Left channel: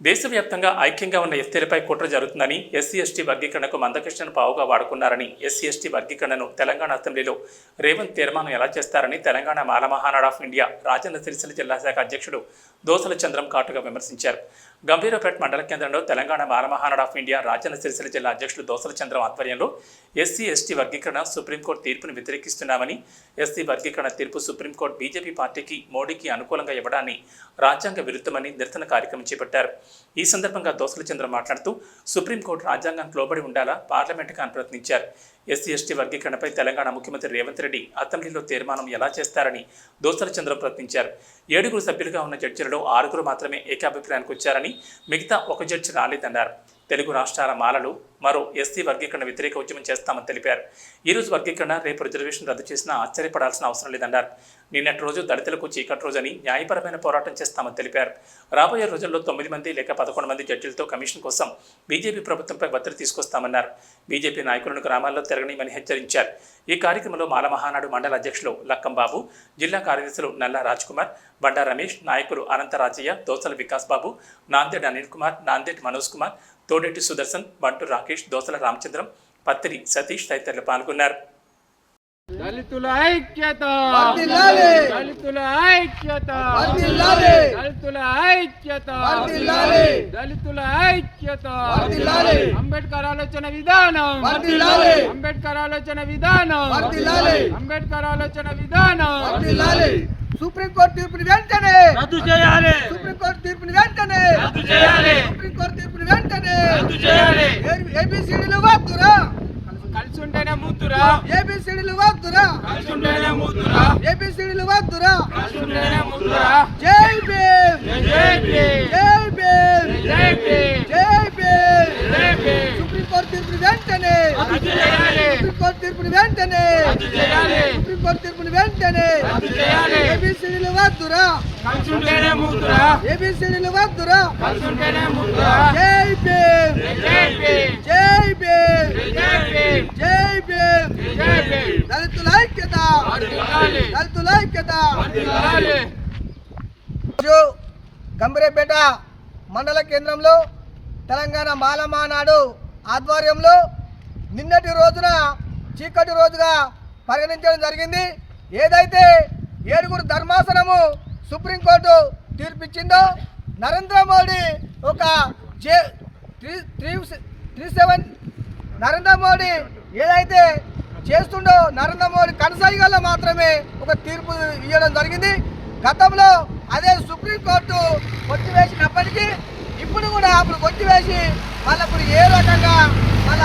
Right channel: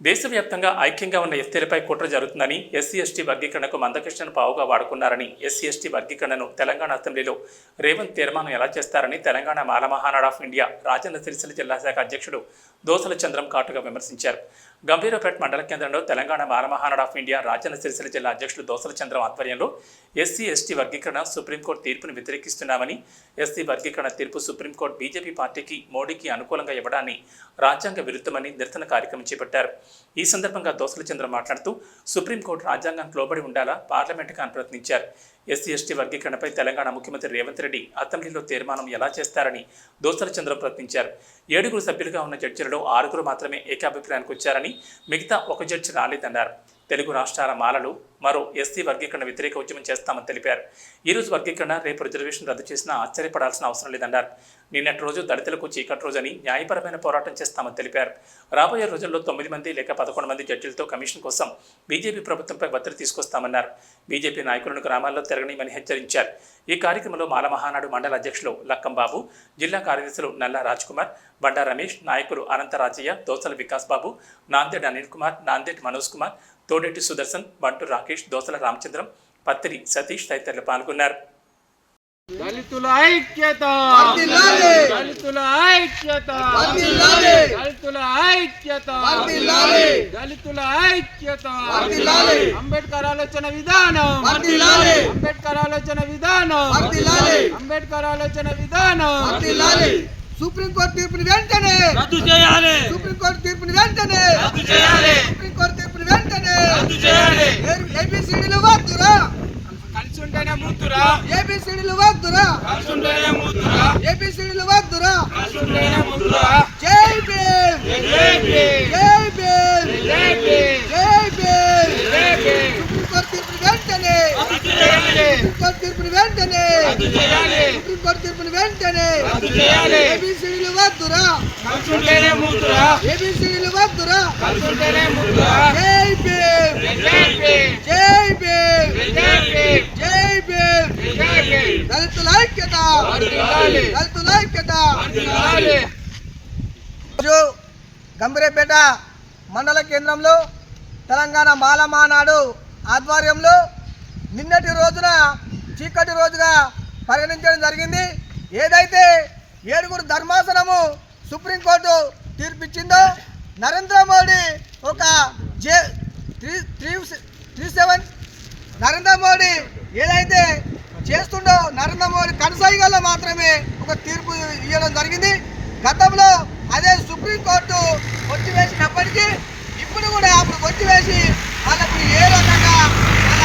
దేశవ్యాప్తంగా ఐక్యంగా ఉన్న ఎస్టీలపై కుట్ర జరుగుతుందని ఎస్సీ ఎస్టీ వర్గీకరణకు మందకృష్ణను పావుగా వాడుకున్నారని ఎస్సీ ఎస్టీ వర్గీకరణను తెలంగాణ అసెంబ్లీలో రేవంత్ తీర్మానం ఎలా చేస్తారని తెలంగాణ మాలమహానాడ్ ఆఫ్ ఇండియా రాజన్న సిరిసిల్ల జిల్లా శాఖ అధ్యక్షుడు దోసల చంద్రం కాటుగా విమర్శించారు. గంభీరపేట మండల కేంద్రంలో తెలంగాణ మాలమహానాడ్ ఆఫ్ ఇండియా రాజన్న సిరిసిల్ల జిల్లా అధ్యక్షుడు దోసల చంద్రం ఆధ్వర్యంలో ఎస్సీ ఎస్టీ వర్గీకరణ సుప్రీంకోర్టు తీర్పును వ్యతిరేకిస్తున్నామని ఎస్సీ వర్గీకరణ తీర్పు సుప్రీంకోర్టు బీజేపీ పార్టీకి మోడీకి అనుకూలంగా ఇవ్వడాన్ని రాజ్యాంగ విరుద్ధమని నిరసన కార్యక్రమం చేపట్టారు. ఈ సందర్భంగా దోసల చంద్ర మాట్లాడుతూ సుప్రీంకోర్టు రాజ్యాంగానికి లోబడి ఉండాలా? పార్లమెంటుకు అని ప్రయత్నించారు. ఎస్సీ ఎస్టీ వర్గీకరణపై తెలంగాణ ముఖ్యమంత్రి రేవంత్ రెడ్డి అసెంబ్లీలో తీర్మానం ఎలా చేస్తారని దోసల చంద్ర ప్రశ్నించారు. ఏడుగురు సభ్యులుగా ఉన్న జడ్జిలలో ఆరుగురు మాత్రమే ఏకాభిప్రాయానికి వచ్చారని మిగతా ఒక జడ్జి రాలేదన్నారు. తెలుగు రాష్ట్రాల మాలలు మరో ఎస్సీ వర్గీకరణ వ్యతిరేక ఉద్యమం చేస్తామని తెలిపారు. ఈ రోజు వర్గీకరణ రేపు రిజర్వేషన్ రద్దు చేసినా ఆశ్చర్యపడాల్సిన అవసరం లేదన్నారు. నిన్నటి రోజు దళితులకు చీకటి రోజని న్యాయపరమైన పోరాటం చేస్తామని తెలిపారు. రాబోయే రోజుల్లో తొమ్మిది మంది లేక పదకొండు మంది జడ్జిలతో కమిషన్ కోసం బీజేపీ ప్రభుత్వంపై ఒత్తిడి తీసుకొస్తామన్నారు. బీజేపీ నాయకులను గ్రామాల్లో తిరగనీయమని హెచ్చరించారు. ఈ కార్యక్రమంలో మాల మహానాడు మండల అధ్యక్షులు లక్కంబాబు జిల్లా కార్యదర్శులు నల్లా రాజ్కుమార్ బండా రమేష్ నాయకులు అనంతరాజయ్య దోసల వికాస్ బాబు నాందేడ్ అనిల్ కుమార్ నాందేడ్ మనోజ్ కుమార్ తోడేటి సుదర్శన్ బంటు రాకేష్ దోసల రామచంద్రం పత్రి సతీష్ తదితరులు పాల్గొన్నారు. దళితుల ఐక్యత! దళితుల ఐక్యత! దళితుల ఐక్యత! దళితుల ఐక్యత! అంబేద్కర్ ఆలోచన విధానం! అంబేద్కర్ ఆలోచన విధానం! అంబేద్కర్ ఆలోచన విధానం! సుప్రీంకోర్టు తీర్పుని వెంటనే రద్దు చేయాలి సుప్రీంకోర్టు తీర్పుని వెంటనే రద్దు చేయాలి సుప్రీంకోర్టు తీర్పుని వెంటనే రద్దు చేయాలి ఏబిసిడీలు ముద్దురా ఏబిసిడీలు వద్దురా. ఏబిసిడీలు వద్దురా. జై భీమ్. జై భీమ్. జై భీమ్. సుప్రీంకోర్టు తీర్పుని వెంటనే. సుప్రీంకోర్టు తీర్పుని వెంటనే. సుప్రీంకోర్టు తీర్పుని వెంటనే. ఏబిసిడీలు వద్దురా. ఏబిసిడీలు వద్దురా కలిసి ఉంటేనే ముద్దురా జై భీమ్ జై భీమ్ జై భీమ్ జై భీమ్ జై భీమ్ జై భీమ్ దళితుల ఐక్యత! దళితుల గంభీరపేట మండల కేంద్రంలో తెలంగాణ మాలమానాడు ఆధ్వర్యంలో నిన్నటి రోజున చీకటి రోజుగా పరిగణించడం జరిగింది. ఏదైతే ఏడుగురు ధర్మాసనము సుప్రీంకోర్టు తీర్పిచ్చిందో నరేంద్ర మోడీ ఒక J three three three seven Narendra Modi ఏదైతే చేస్తుండో నరేంద్ర మోడీ కనసాయిగల్లో మాత్రమే ఒక తీర్పు ఇవ్వడం జరిగింది. గతంలో అదే సుప్రీంకోర్టు కొట్టివేసినప్పటికీ ఇప్పుడు కూడా అప్పుడు కొట్టివేసి వాళ్ళప్పుడు ఏ రకంగా వాళ్ళ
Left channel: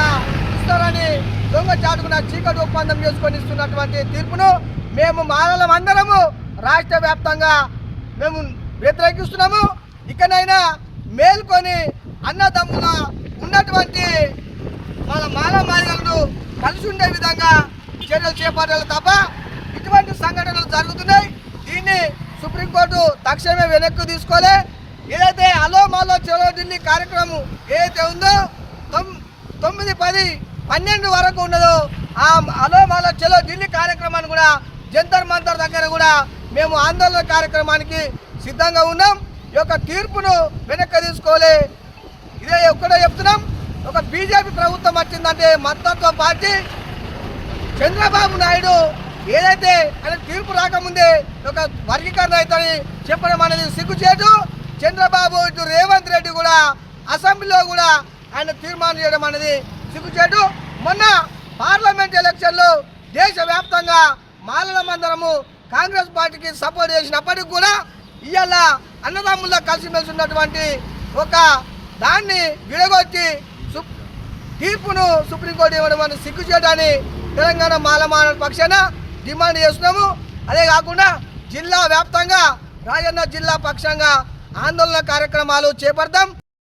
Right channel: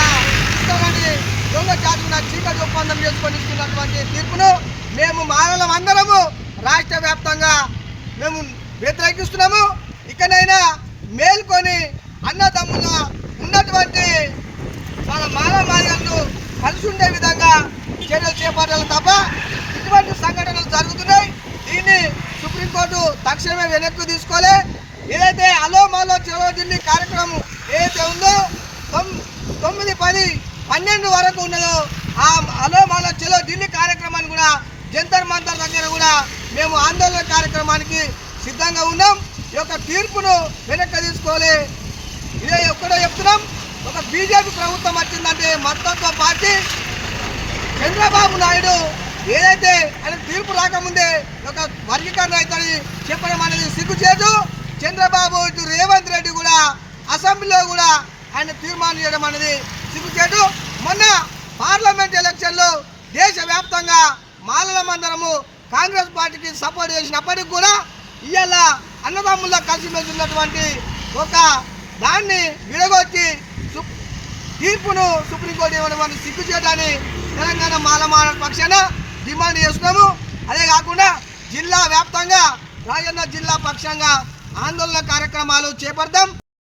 ఇస్తారని దొంగ చాటుకున్న చీకటి ఒప్పందం చేసుకొని ఇస్తున్నటువంటి తీర్పును మేము మానవులం అందరము రాష్ట్ర వ్యాప్తంగా మేము వ్యతిరేకిస్తున్నాము. ఇకనైనా మేల్కొని అన్నదమ్ముల ఉన్నటువంటి మన మానవ మాదిగలను కలిసి ఉండే విధంగా చర్యలు చేపట్టాలి తప్ప ఇటువంటి సంఘటనలు జరుగుతున్నాయి. దీన్ని సుప్రీంకోర్టు తక్షణమే వెనక్కి తీసుకోలే. ఏదైతే అలో మాలో చలో ఢిల్లీ కార్యక్రమం ఏదైతే ఉందో తొమ్మిది పది పన్నెండు వరకు ఉన్నదో ఆ అలో మాలో చలో ఢిల్లీ కార్యక్రమాన్ని కూడా జంతర్ మంతర్ దగ్గర కూడా మేము ఆందోళన కార్యక్రమానికి సిద్ధంగా ఉన్నాం. ఈ యొక్క తీర్పును వెనక్కి తీసుకోలే. ఇదే ఒక్కడే చెప్తున్నాం. ఒక బీజేపీ ప్రభుత్వం వచ్చిందంటే మతత్వ పార్టీ. చంద్రబాబు నాయుడు ఏదైతే ఆయన తీర్పు రాకముందే ఒక వర్గీకరణ అవుతుంది చెప్పడం అనేది సిగ్గుచేటు. చంద్రబాబు ఇటు రేవంత్ రెడ్డి కూడా అసెంబ్లీలో కూడా ఆయన తీర్మానం చేయడం అనేది సిగ్గుచేటు. మొన్న పార్లమెంట్ ఎలక్షన్లో దేశవ్యాప్తంగా మాలల మందరము కాంగ్రెస్ పార్టీకి సపోర్ట్ చేసినప్పటికి కూడా ఇవాళ అన్నదమ్ముల కలిసిమెలిసి ఉన్నటువంటి ఒక దాన్ని విడగొచ్చి తీర్పును సుప్రీంకోర్టు ఇవ్వడం అని సిగ్గు చేయడాన్ని తెలంగాణ మాలమాన పక్షాన డిమాండ్ చేస్తున్నాము అదే కాకుండా జిల్లా వ్యాప్తంగా రాజన్న జిల్లా పక్షంగా ఆందోళన కార్యక్రమాలు చేపడతాం